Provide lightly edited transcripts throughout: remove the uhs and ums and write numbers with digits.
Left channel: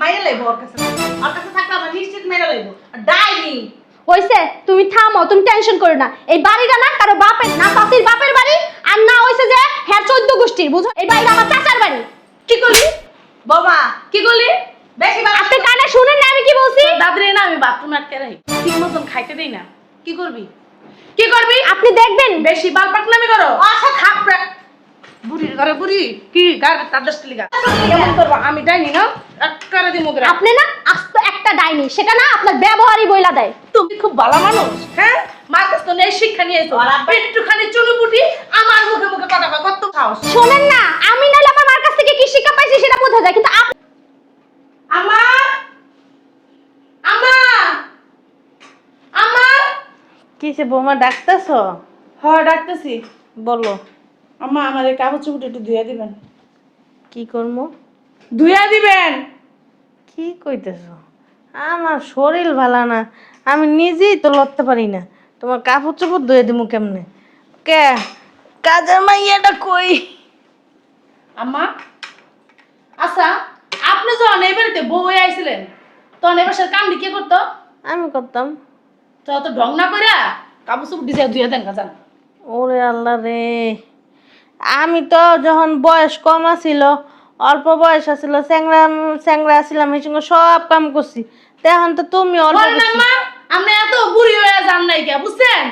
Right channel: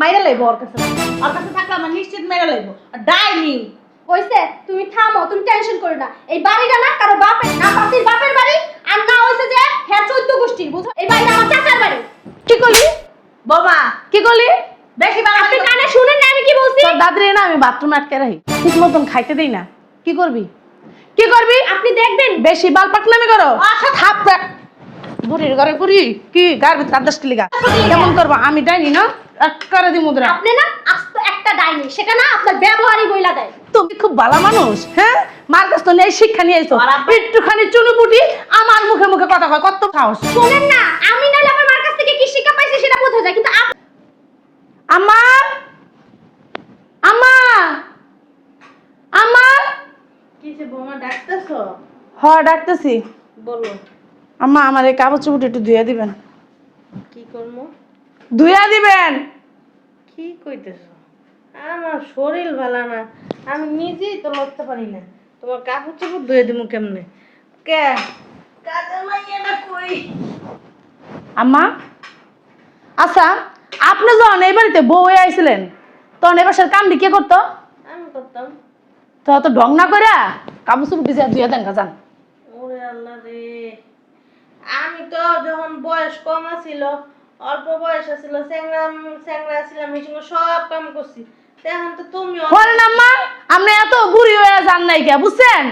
মাইরা লাইবো ওর কাছে থাকলে আমার নিশ্চিত মাইরা লাইবো ডাইনি হইছে তুমি থামো, তুমি টেনশন করো না। এই বাড়িটা না কারো বাপের না, চাচির বাপের বাড়ি আর না হইছে যে হ্যাঁ 14 গোষ্ঠীর, বুঝো? এই বাড়িটা আমার চাচার বাড়ি। কি করলি বোমা? কি করলি? বেশি বার আপনি কানে শুনেন না আমি কি বলছি? তোর দাদরে না আমি বাথরুমে আটকে রাখি, ঠিক মতন খাইতে দেই না। কি করবি? কি করবি? আপনি দেখবেন বেশি বাল পাকনামি করো। আচ্ছা থাপ বুড়ির ঘরে বুড়ি কি গার তাদেশ লিগা কেমন করবো আমি ডাইনি না একবারে দি মুদ্রা। আপনি না আস্ত একটা ডাইনি, সেটা না আপনার ব্যবহারই বইলা দেয়। তুমি খুব ভালো মানুষ, হ্যাঁ? মার কাছ থেকে এই শিক্ষা নিয়ে এসো, একটুখানি চুনুপুটি আমার মুখে মুখে কথা কয়, কত খাওস। শোনেন না, আমি নাইলে আমার মার কাছ থেকে কি শিক্ষা পাইছি সেটা বোঝা যায়, কিন্তু আম্মা আম্মা আম্মা কিসে বৌমা ডাকতেছ? হ ডাকতেছি। বলো আম্মা আমার এই কাপড় চুপড় একটু ধুয়ে দিবেন। কি করবো? ধুয়ে দিবেন। কি কইতেছ? আমার শরীর ভালো না, আমি নিজেই তো লড়তে পারি না, তোমার কাপড় চোপড় ধুয়ে দিমু কেমনে? কে কাজের মাইয়াটা কই? আম্মা আচ্ছা, আপনি যখন এই বাড়িতে বউ হয়ে আইছিলেন তখন এবার কাম কে করতো? আমি করতাম। তো অত ঢং না করে কাপড় চুপড় ভিজে ধুয়ে দেন কাজান। ওরে আল্লাহ রে, আমি তো যখন বয়স কম আছিল, অল্প বয়স আছিল, চ্যাংরা চ্যাংরা আসছিলাম, এই সঙ্গে সব কাম করছি। এখন তো তুমি অল্প বলেন আম্মা, আপনি এত বুড়ি হয়ে যান নাই কে, বুঝছেন?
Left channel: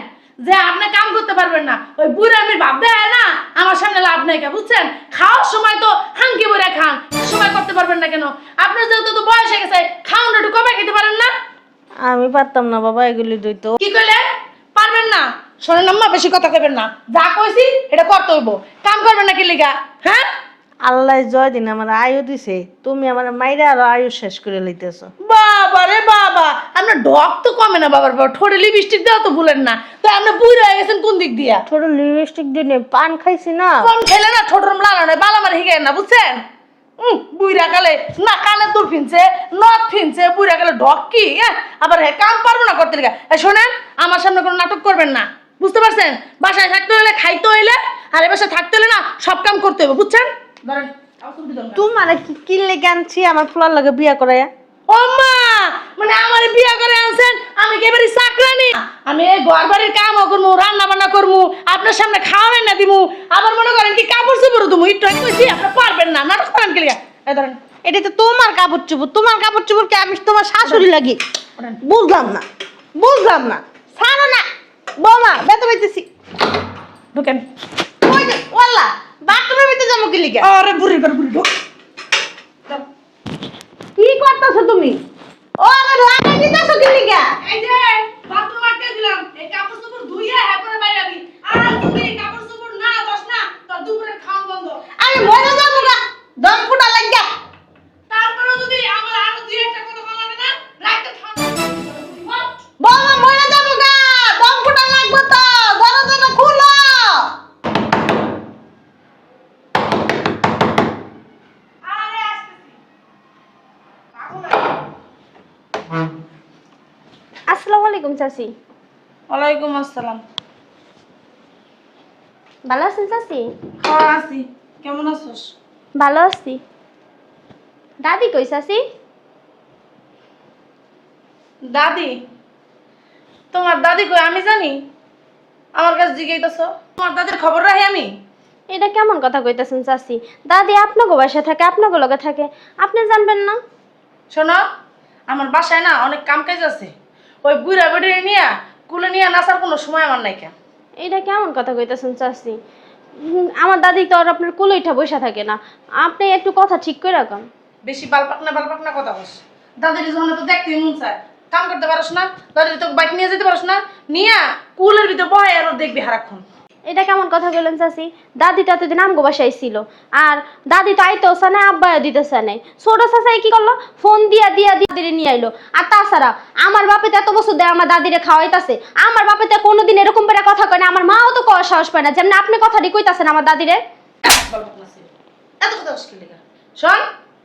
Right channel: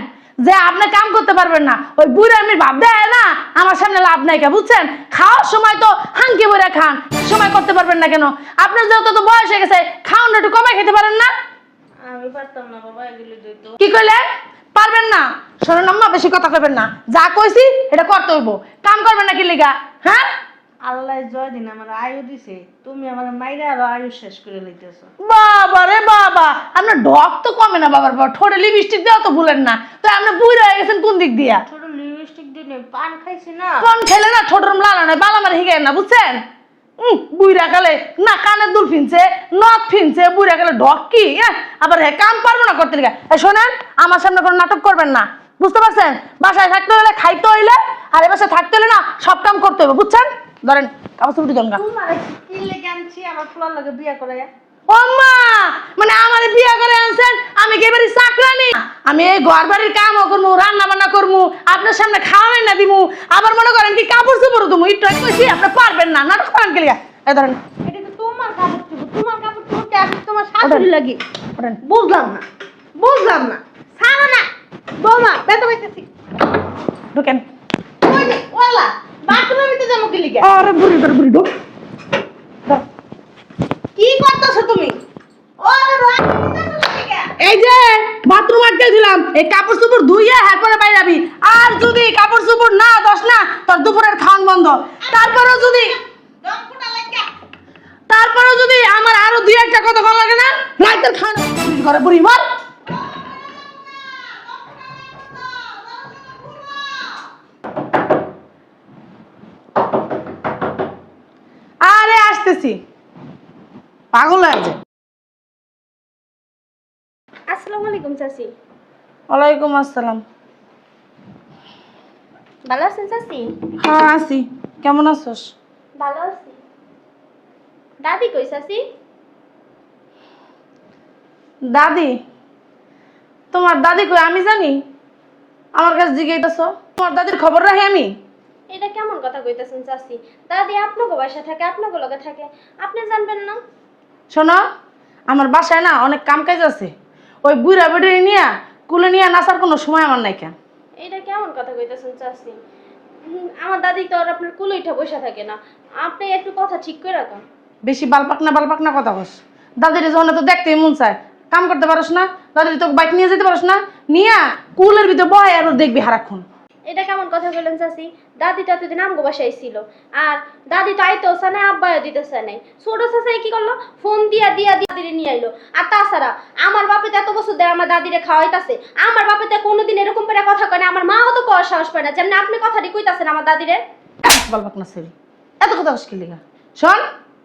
যে আপনি কাম করতে পারবেন না, ওই বুড়ি আপনি ভাব দেয় না আমার সামনে লাভ নাই কে, বুঝছেন? খাওয়ার সময় তো হাঙ্কি বইরা খান, সময় করতে পারবেন না কেন? আপনার যেহেতু তো বয়স হয়ে গেছে, খাওয়ান একটু কমে খেতে পারেন না? আমি পারতাম না বাবা এগুলি দইতো। কি কইলেন? পারবেন না? শোনেন আম্মা, বেশি কথা কইবেন না, যা কইছি এটা করতে হইব। কাম করবেন না কি লিগা, হ্যাঁ? আল্লাহ জয় দিন আমার আয়ু দিছে, তুমি আমার মাইরা আরো আয়ু শেষ করে লইতেছ। বাবা রে বাবা, আপনার ঢক তো কমে না বাবার বাবা, ঠোঁটে লিপস্টিক দেওয়া তো ভুলেন না। তো আপনি বুড়ি হয়ে গেছেন কোন দিক দিয়া? ছোট লিপস্টিক দিয়ে পান খাইছি না। কোন খেলে না ছোট রুম লাগানো নাই, বালা মারি হিগায় না, বুঝছেন? বুইরা কালে না কানের দুল ফিনছে, নখ ফিনছে, বুইরা কালে ঢক কি আবার হ্যাঁ কাম পারবো না করতে লিগা। শোনেন, আমার সামনে কোনো নাটক করবেন না, বুঝতে পারছেন? বাসায় থাকতে হইলে খাইতে হইলে আর এ বাসায় থাকতে হইলে না সব কাম করতে হবে, বুঝছেন? ধরেন কাপড় চুপড়ি দরকার। তোমার কি লেগে আনছি আমার ফুলার লগে বিয়া করাইয়া? ও মা, মানে আমার বিয়া করে আনছেন, আমি কি এবারে চাকরানি? আমি এই ঘর বাড়ির কামও করবো, রান্না বান্না করবো, আপনার সামনে খাওয়াই না দিমু, আবার মনে করেন কি কাপড় চোপড় তুমি একটু আমি কইছি আপনি পারবেন না, নাটক করেন কি লিগা? এই ধরেন, এটা তো তোমার কাপড় চোপড়, তোমার কাপড় চোপড় কে আমি তোমার শাশুড়ি লাগি? ওঠেন। বুঝলাম না, বুঝলাম না। ছাড়ো না বৌমা, বেতো পাইতেছি। ঢুকেন। ওই যে ওয়াল্লা বাথরুমের ভিতরে যাবো কি লিগা? আরে বুড়ি বুড়ি ঢুক। কি করতেছো তুমি? ও আমি লাগাই দিতেছো কি লিগা? এই যে বাথরুম আটকে দিলাম, এই কাপড় চোপড় ধুইয়া এরপরে বাইরে যাবি। আর যদি কাপড় চোপড় না দস না, তোর দুপুরের খাওয়ান বন্ধ। তারপরে যদি দম ফুটা লাগিয়া তারপরে যদি আমার আরো দুই একটা কথা ভালো লাগে না, রাইতের খান করে বুড়ি মার। বৌমা মরে যাবো গা, দম ফুটা লাগবে তো, দরজাটা খুলো। আরে আসতেছি, পাগল আছে। আসসালামু আলাইকুম চাচি। ওয়ালাইকুম আসসালাম। ভালো আছেন চাচি? হ্যাঁ আছি, কেমন আছোস? ভালো আছি। দাদি কই চাচি? দাদি? তোমার দাদি কই আমি জানি? আমার কাছে জিজ্ঞাসা, তোমার দাদির খবর রাখি আমি? এটা কেমন কথা কইতাছেন চাচি? দাদি আপনাকে বাসায় থাকে, আপনাকে লগে থাকে, আপনি জানবেন না? শোনো, আমার বাসায় না অনেক কাম কাজ আছে, ওই বুড়া বেড়ে নিয়ে কুলে নিয়ে নাচার কোনো সময় আমার নাই। কেন এটা কেমন কথা কইতাছেন চাচি? আমার দাদি তো আর আপনার কোলে উঠা বসে থাকে না, আপনি একটু কথা ঠিক করে রাখুন। বেশি বালপাক না কথা বস। দাদির যখন তো দেখতে মন চায়, কাম করতে পারস না, দাদির তো বাইক নিয়ে যেতে পারস না, নিয়ে কুলের ভিতরে বয় আর দেখবি হারাক্ষণ। এটা কেমন কথা বললেন চাচি? দাদি তো এতদিন আমগো বাসায় ছিল, আর দাদি তো আইতেছে না, আব্বা দিতেছে না। ছোট চাচাই কি করলো, ফোন দিয়া দিয়া দাদিরে নিয়ে আইলো। আর তাছাড়া আমার বাপে তো এত বছর ধরে আমার দাদিরে খাওয়াইতাছে, আমার বাপে তো কোনোদিন এরকম করে কথা কয় না, আমার মাও তো কওয়ার সাহস পায় না, যেমন আপনি কথাটি কইতাছেন আমার দাদিরে। বালপাক না ছেলে, এত কথা মুশকিল লিগা। শোন,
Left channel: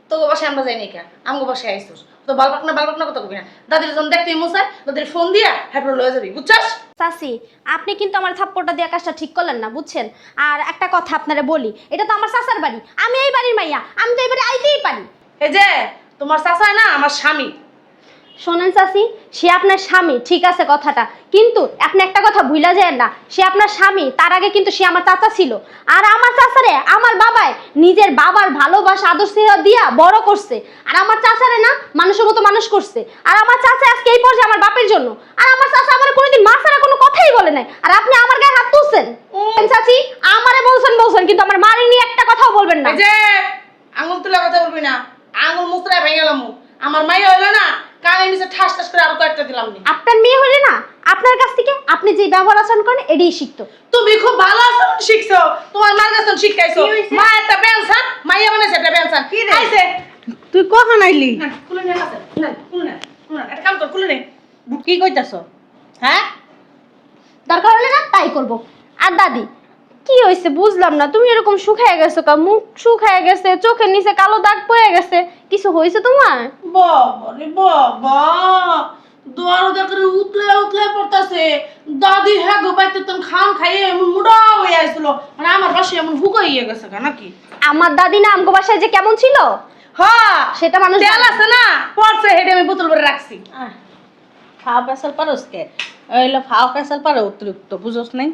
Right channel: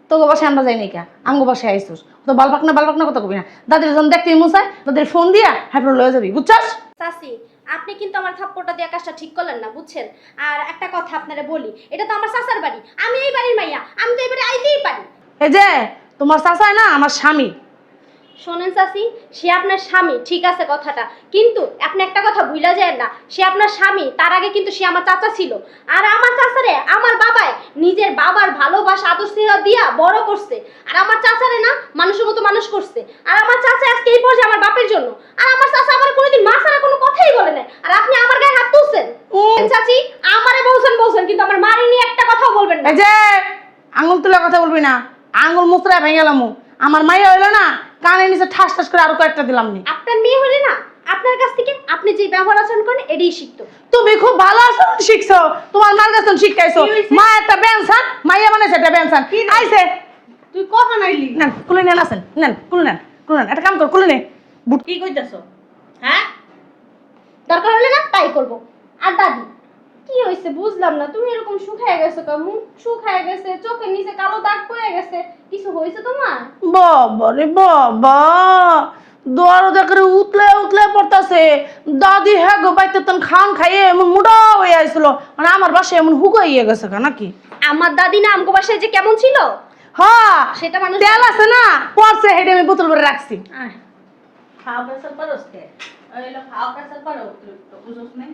তোকে বাসায় আমরা যাই নাই কে, আমগো বাসায় আইসোস, তো বালপাক না কথা কবি না। দাদির যখন দেখতে মন চায়, দাদির ফোন দিয়া হ্যাঁ লয়ে যাবি, বুঝছস? চাচি, আপনি কিন্তু আমার থাপ্পড়টা দিয়ে কাজটা ঠিক করলেন না, বুঝছেন? আর একটা কথা আপনারে বলি, এটা তো আমার চাচার বাড়ি, আমি এই বাড়ির মাইয়া, আমি তো এই বাড়ি আইতেই পারি। এই যে তোমার চাচাই না আমার স্বামী। শোনেন চাচি, সে আপনার স্বামী, ঠিক আছে কথাটা, কিন্তু আপনি একটা কথা ভুলা যায় না, সে আপনার স্বামী, তার আগে কিন্তু সে আমার চাচা ছিল। আর আমার চাচারে আমার বাবায় নিজের বাবার ভালোবাসা আদর স্নেহ দিয়া বড় করছে, আর আমার চাচারে না মানুষের মতো মানুষ করছে। আর আমার চাচা আজকে এই পর্যায়ে আমার বাপের জন্য, আর আমার চাচা আমার কোনোদিন মা ছাড়া কোনো কথাই বলে নাই, আর আপনি আমার গায়ে হাত তুলছেন। চাচি আমারে বলছেন কিন্তু আমার মারে নিয়ে একটা কথাও বলবেন না। এই যে আঙুল তুলে কথা বলবি না, আঙুল মুচড়া ভেঙে গেলাম। আমার মাইয়া হইলো না, কানে নিচে ঠাস ঠাস করে আরো কয়েকটা দিলাম নি। আপনার মেয়ে হলে না আপনার কাছ থেকে আপনি যে ব্যবহার আচরণ করেন এটাই শিখতো। তুমি খুব ভালো আচরণ শিখছো, তোমার মার কাছে শিখাইছো। মা একটা বেনসান, মাইয়া বানাইছে একটা বেনসান। কি রে? আইছে তুই কখন আইলি? নেন কুলে নেন, আছেন নেন কুলে নেন, কুলে নেন, একটা কাম কর কুলে নে। বুট কি কইতাছ? হ্যাঁ, দরকার হলে না তাই করব। আর দাদি কি হয়েছে বুঝলাম না, তুমি এরকম শুকায় গেছো কা, মুখ শুকায় গেছে, চোখের নিচে কালো দাগ পড়ে গেছে, কিছু হয়েছে তোমার? বাবা রে বাবা, দরজা করে উতলে উতলে পড়তাছে। দাদি হ্যাঁ গো বাইতে তন খান খাইয়ে এমন মুডা হয়ে আইছিল, মানে আমার বাসায় এমন হুগো হয়ে গেছে গা নাকি। আমার দাদি না আমগো বাসায় যে কেমন ছিল হ্যাঁ সেটা মানুষ তেল আছে না, পড়ছে হেঁটে আমি বোতল করে রাখছি। ফাও পেশাল পারোস কে? ওইলো ফাও পেশাল পারো অতিরিক্ত, বুঝোস নাই?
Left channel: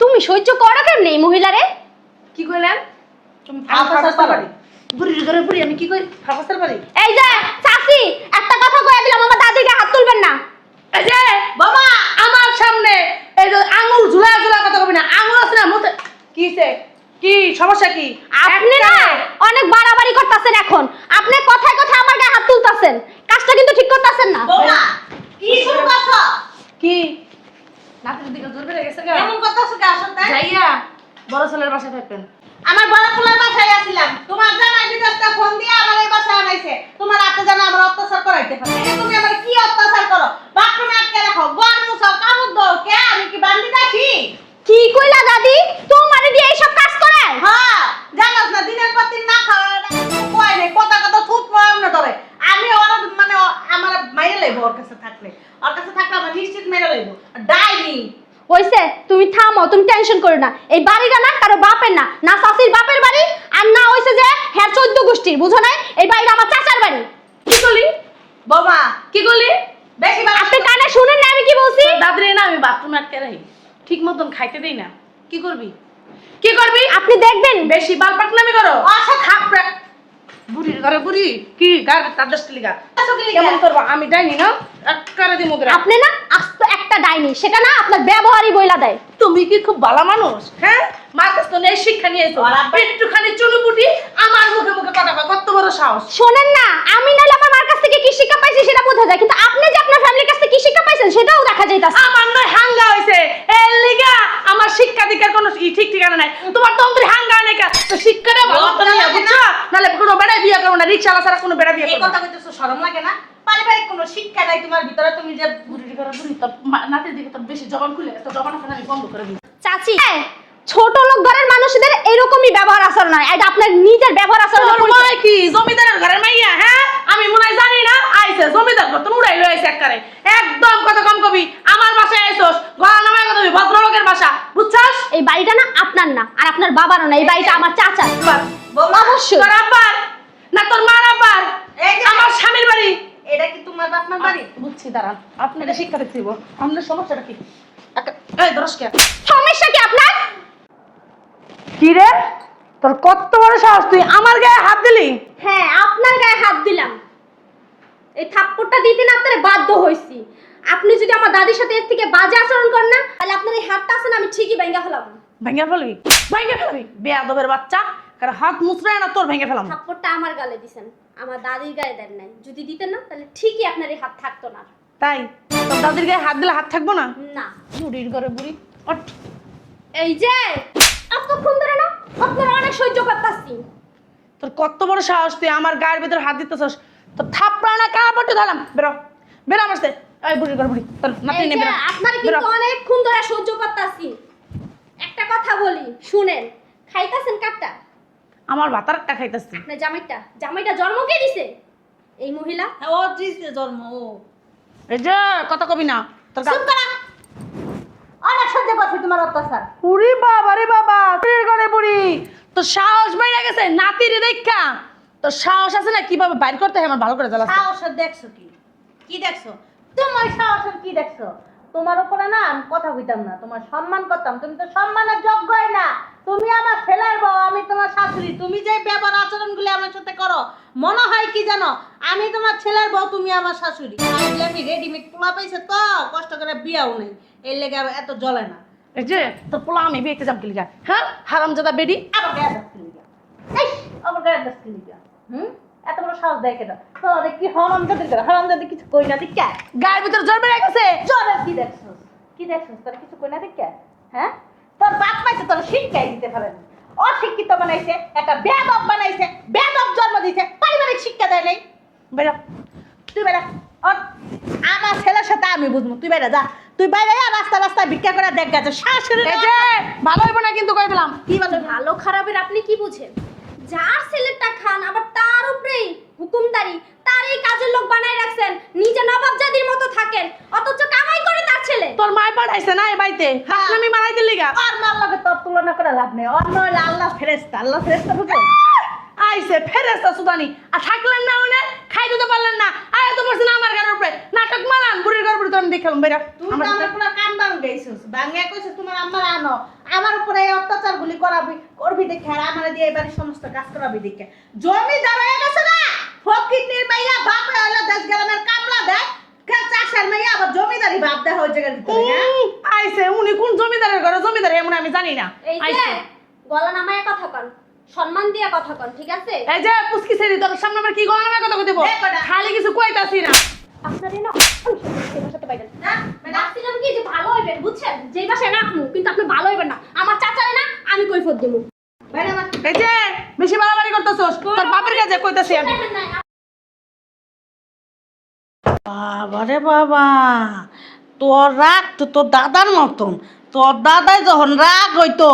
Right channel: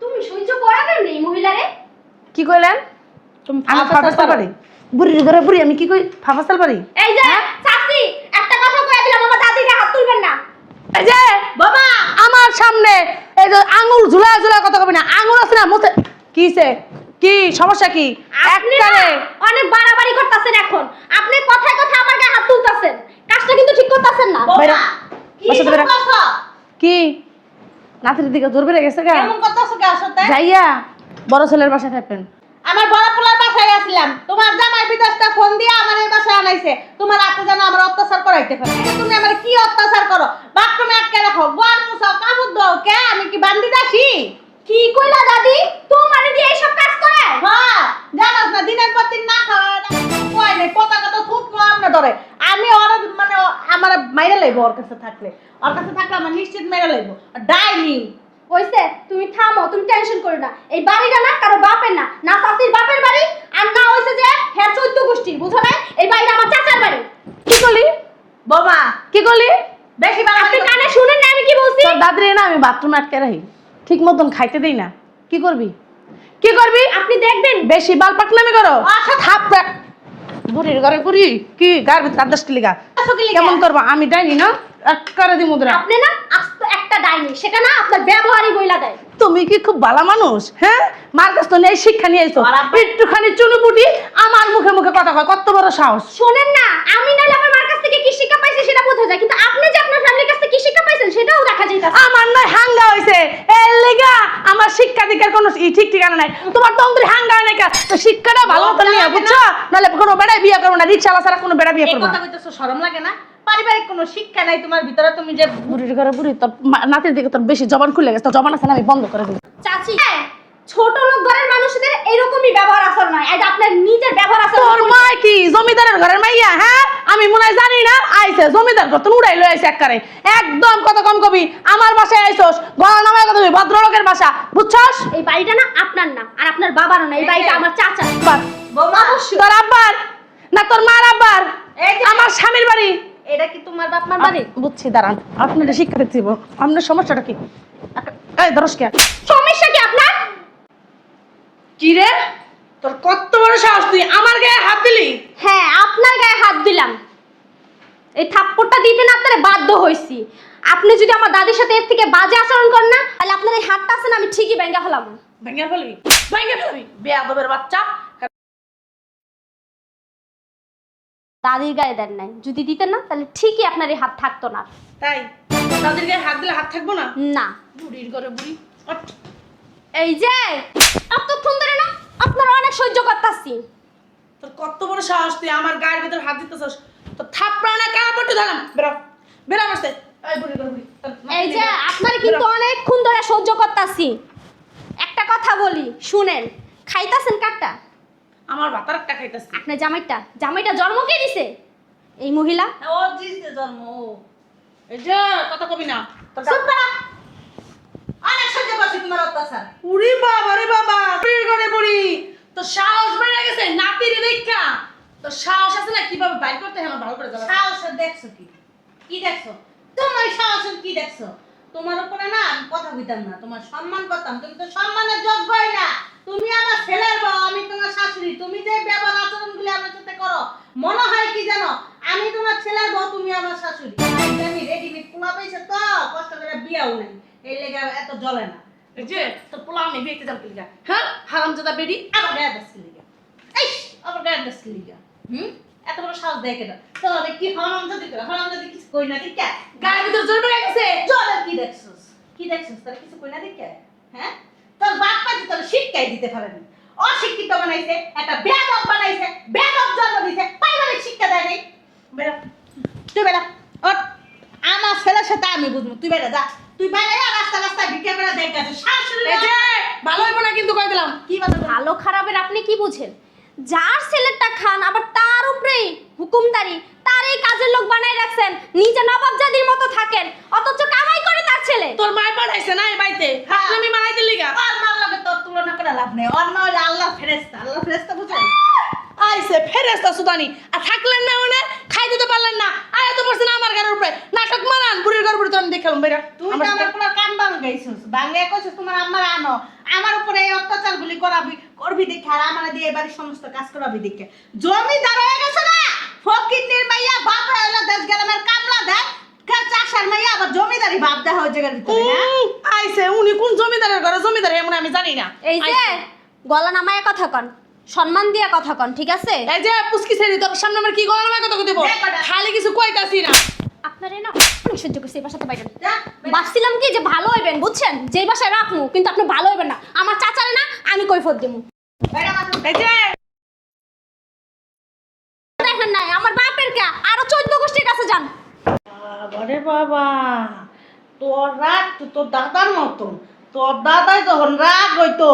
তুমি সহ্য করো কেন এই মহিলারে? কি কইলেন? তুমি আমি ফাও পেশাল পারো? বুড়ির ঘরে বুড়ি আমি কি কই ফাফাসাল পারি? এই যে চাচি একটা কথা কইয়া দিলাম, আমার দাদিকে হাত তুলবেন না। এই যে বাবা আমার সামনে এই যে আঙুল ঝুলা ঝুলা কথা কবি না, আঙুল আছে না মুখে। কিছে কি সমস্যা কি? আপনি না অনেক বাড়াবাড়ি করতেছেন এখন, আপনি কথায় কথায় আমার গায়ে হাত তুলতাছেন, কাজটা কিন্তু ঠিক করতেছেন না। বোমা, কি বাসা শুরু ধরে- করছো? কি নাতির দিকে জোর বেড়ে গেছে গা? এমন করতেছো কে আসতে? যাইয়া বড় ছেলের বাসায় থাকবেন। আমার বড় পোলার বাসায় আসছিলাম, তোমার জামাই বিদেশটা ফোন দিয়ে আমার এই বাসায় আনাইছে, তোমার রাতে জানো আমার অত্যাচার করাইতে পারে। তুমি আমার কি অত্যাচার করো? বাথরুমে আটকে রাখো, ঘর মুছাও, কাপড় দাও, কে আমি কি বান্দি দেখি? কি কইলা দাদি, তোমারে দিয়ে এইসব কাজ করে? হ্যাঁ, জানাস না দিনের পর দিন না খাওয়া কয় নেই, কথা কথা খুব না ধরে। আমি ওর মানে আমার মাইরা লইবো, ওর কাছে থাকলে আমার নিশ্চিত মেরে লইবো। ডাইনি হইছে, তুমি থামো, তুমি টেনশন করো না। এই বাড়িটা না কারো বাপের না, না চাচির বাপের বাড়ি, আর না হইছে যে হ্যাঁ 14 গোষ্ঠীর, বুঝো নাই? এই বাড়িটা আমার চাচার বাড়ি। কি বলি? বোমা, কি করলি? বেশি আপনি কানে শুনেন না আমি কি বলছি? তোর দাদরে না আমি বাথরুমে আটকে রাখি, ঠিক মতন খাইতে দেই না। কি করবি? কি করবি? আপনি দেখবেন বেশি বাল পাকনামি করো। থাপ রাখ। বুড়ির ঘরে বুড়ি কি গার কাদাস লিগা কেমন করবা? আমি দেয়নি না একবারে দি মুদ্রা। আপনি না আস্ত একটা ডাইনি, সেটা না আপনার ব্যবহারই বইলা দেয়। তুমি কি খুব ভালো মানুষ? হ্যাঁ, মার কাছ থেকে এই শিক্ষা নিয়ে এসো। ওর আব্বা- একটুখানি চুনুপুটি আমার মুখে মুখে কথা কয়, কত বড় সাহস। শোনেন না, আমি নাইলে আমার মার কাছ থেকে কি শিক্ষা পাইছি সেটা বোঝা যায়, কিন্তু আপনি যে আপনার ফ্যামিলির কাছ থেকে কি শিক্ষা পাইছেন সেটাও দেখা যাইতাছে। আমার নয় হাঙ্গা হইছে এর লিগা, আমার শিক্ষা দীক্ষার কোনো ঠিক ঠিকানা নাই। তোমার তন্ত্রী হাঙ্গা নাই কা, তো শিক্ষাটা ভালো লজ্জা করে নিয়ে লাগে বুঝছো? নাহলে কোনো বেড়াই বিয়ে করবো না, রিক্সাওয়ালা ছাড়া কোনো বেড়া বিয়ে এই করবো কথা না। কইতেছো, শরম লাগে না? পারিবারিক কোনো শিক্ষা নাই তোমার ভিতরে, তুমি যে বুড়ির ঘরে বুড়ি, তোর নাতির দিকে তোর বেশি জবান খুলে গেছে, তোর জবান আছে না আমি বন্ধ করে দিই। চাচি ছোট লোক ঘরের মানুষদের এরকমই ব্যবহার আচরণ নয়, এটা আপনার নিজের ব্যবহার আচরণ। তোর মাই কি জমিদারের ঘরের মাইয়া? হ্যাঁ, আমি মনে হয় জানি না। আইছে জমিদার ঘর, তোর উড়াই লই আইছে একবারে। একদম কথা কম কবি। আমার বাসায় আইছস, গলা নামায় কথা কবি, ভদ্রলোকের বাসা, বুঝছস? এই বাড়িটা না আপনার না, আর আপনার বাবারও না, এই বাড়িটা আমার চাচার। বোমা, অবশ্যই। তোর আব্বার না তোর মার আব্বার? এই যে আমার স্বামীর বাড়ি। এটা কি তোমার বাপ মার বাড়ি? বুঝছি, দাঁড়ান, আপনার শিক্ষা দিচ্ছি। আপনার সমস্যাটা কি? এই ধরস কে? সমস্যা কি আপনার? কি রে, তোর কত বড় সাহস, তুই আমার গায়ে হাত দিলি? হ্যাঁ, আপনার গায়ে হাত দিলাম। এই থাপ্পড়টা দিতে না আপনার বাধ্য হইছি। আপনি যদি আমার দাদির সাথে এর থেকে বাজে আচরণ করেন না, তাহলে আপনার এই হাতটা আছে না আমি ঠিকই ভেঙে ফেলাম। ভেঙে ফেলবি? ভেঙে ফেলবি বেয়াদবের বাচ্চা। আর হাত মুচড়ায় না তোর ভেঙে ফেলাম। থাপ্পড়টা আমার গালে দিছেন, আমার দাদির গায়ে দেন নাই। যদি দিতেন না তাহলে ঠিকই আপনার এই হাত থাকতো না। তাই তোর দাদির গায়ে হাত দিলে হাত থাকবো না? না, বুড়ির ঘরে বুড়ি। ওঠ। এই যে এতক্ষণ ধরে না আপনার অনেক সহ্য করতেছি। তোর কত বড় সাহস, তুই আমার গায়ের ভিতর হাত দিতেছস? তোর থাপড়া না কাপড়টা দিলাম। বেরো বেরো আমার সাথে। এই বুড়ির ঘরে বুড়ি, তোর নাতি এই নে যে বেরো। আপনার কিন্তু অনেকক্ষণ ধরে সহ্য করতেছি। একটা কথা বলি শুনেন, খাইতাছেন কাটটা? আমার ভাতার একটা খাইতেছি। আপনার জামাইটা জন্ম কে দিছে? এই মহিলা। ও দিছে জন্ম ও। এই যে কথা কবি না। তোর চুপ করা, অনেক সহ্য করছি তোমার অত্যাচার। বুড়ি বাবা রে বাবা, বুড়ির ঘরে বুড়ি। তোর সাহস বেড়ে গেছে নাতির দেখা। তো সাহস আছে না কিভাবে বাইর করতে হয় আমার ভালো করে জানা আছে। সাহসের দেখছো কি? কি দেখছো? তোমার সাহসের কি দেখছো? তোমার উপরে না আমি কথা কইতাম না, তোমার সম্মান করতাম। তুমি তো সম্মানের যোগ্যই না। তুমি আমার ছেলের বউ, আমি তোমার শাশুড়ি। তুমি যে ব্যবহার আচরণগুলো আমার সাথে করো, মনে হয় কি জানো আমি তোমার ছেলের বউ, তুমি আমার শাশুড়ি। আমি রেডিমেড পোলা পাইছে তো কষ্ট করে বিয়াও নেই, এই লেগে আবার এত জ্বলে না। এই যে তো পোলা আমি বিয়েতে যাব কি লিগা? হ্যাঁ হারামজাদা বেডি। আবার গায়ের দাস লিগা, এই আবার গায়ের দাস লিগা। এত বড় সাহস দেয় কেন? তোমাদের কি হারামজাদি করে? হারামজাদি কিছু কই না দিকা? গায়ের ভিতর জল বেড়ে গেছে। জলের কি দেখছস? কি দেখছস? তোরা কিছু কই না দিকা? হ্যাঁ, তোর বাপ মাইতে তোর শিক্ষাই দিতে পারেনি, অশিক্ষিত বানাইছে, একটা বেয়াদব বানাইছে, বেয়াদব জন্ম দিছে, পারিবারিক শিক্ষা দেয় নাই। বেরো, তুই বেরো। ওঠ। আমার ছেলের সাথে আমি বুঝবো, তুই বেরো যা। তুই বাইরে রাস্তা রাস্তায় ভিক্ষা করে দেখ গেছে শাশুড়ি। এই যে ভালো হইব না কিন্তু কই দিলাম। কি বলতে ভালো খারাপের আপনি কি বুঝেন? যার ছেলেটা খান আবার তার উপরে হুকুমদারি, তার এই কাজের লোক বানাই রাখছেন, নিজে নবাবজাদির মতো থাকেন, অথচ কামাই করে তার ছেলে। তোর মায় পাঠাইছে না এই বাড়িতে আমি মারাই দিলি গা। আর মার লগে তোর তুলনা করে লাভ নেই। অন্য হইলে আল্লাহ ফেরেশতা, আল্লাহ ফেরেশতা বুঝেন? আইছে ফেরেস্তা সুদানি আর থাকলেন না ওনে খাই দিতে পারলেন না আয়া তো পড়ছেন আমার ঘরের উপরে নাটক মারান বুড়ির ঘর উপরে তো আমি দেখালাম বেরা তুই তো আমার পুরো কান বাং গাইছিস, বাংলা কইছিস তোমার আম্মার আনো, আমার উপরে এই অত্যাচারগুলি করবি দেখে, আর আমার দিয়ে এবারে সমস্ত কাজ করাবি দেখে। জমিদার হয়ে গেছে না, ফকির মাইয়া বাপ হলো 10 গ্রামের কামলা দেয়, চাষার মাইয়া আবার জমিদারি বাপ দেয় ওই জায়গার ভিতরে। হ্যাঁ? আইছে উনি কোন জমিদারের ঘরে জমিদার এমন আমি জানি না। এই যে গলা নামায় কথা কন, সম্মান দিয়া কথা কন, ঠিক আছে? এই যে পুস্কি ছেড়ি তোর সামনে আমার কি গলা নামে কথা কইব খালি কিছু কইতাছি না। আপনারই না শুধু সেই ভাষাতে বাইরেন। যা, ভাবছিলাম কি যে ভালো হইবেন, বুঝছেন? যেই ভাষায় রাখমু, কিন্তু আপনি ভালো হইবেন না। আমার চাচারে না আমি কৈফত দিমু। বাইরে আমার এই যে বেশি বাড়াবাড়ি করতেছস তোর বাপের কাছে কইতাছি আমি। দেখেন নাই আমার বাপের কা আরো 14 গোষ্ঠীর কাছে যান। বাবারে বাবা, তোর রাগ তো তোর দাদার মতন। তোর দাদাই যখন রাগ হইতো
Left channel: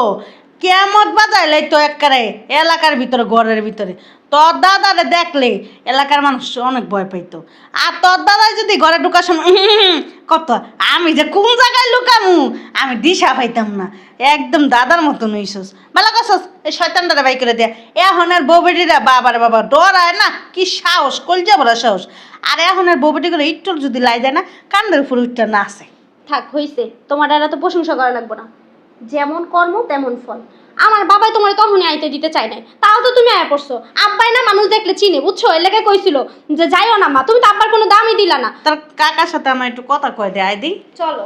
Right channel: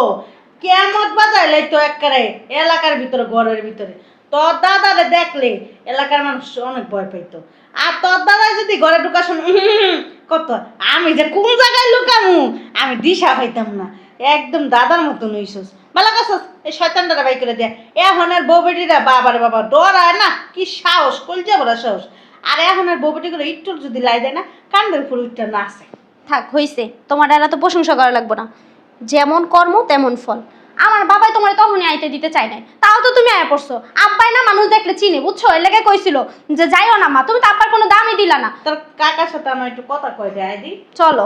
কেমত বাজাই লাইতো একবারে এলাকার ভিতরে, ঘরের ভিতরে। তোর দাদারে দেখলে এলাকার মানুষ অনেক ভয় পাইতো। আর তোর দাদাই যদি ঘরে ঢুকার সময় কত, আমি যে কোন জায়গায় লুকামু আমি দিশা পাইতাম না। একদম দাদার মতন হইছস, ভালো করছস। এই শয়তানটারে বাই করে দেয়া। এখন আর বউ বেটিরা বাবারে বাবা ডরায় না, কি সাহস, কলজা ভরা সাহস। আর এখন আর বউ বেটি করে একটু যদি লাই দেয় না, কান্দের উপর উঠটা না আছে। থাক হইছে, তোমার আর তো প্রশংসা করা লাগবে না। যেমন কর্ম তেমন ফল। আমার বাবাই তোমার তখনই আইতে দিতে চাই নাই, তাও তো তুমি আয়া পড়ছো। আব্বাই না মানুষ দেখলে চিনে, বুঝছো? এর লেগে কইছিল যে যাইও না মা, তুমি তো আব্বার কোনো দামই দিলা না। তার কাকার সাথে আমার একটু কথা কয় দেয়, আইদি চলো।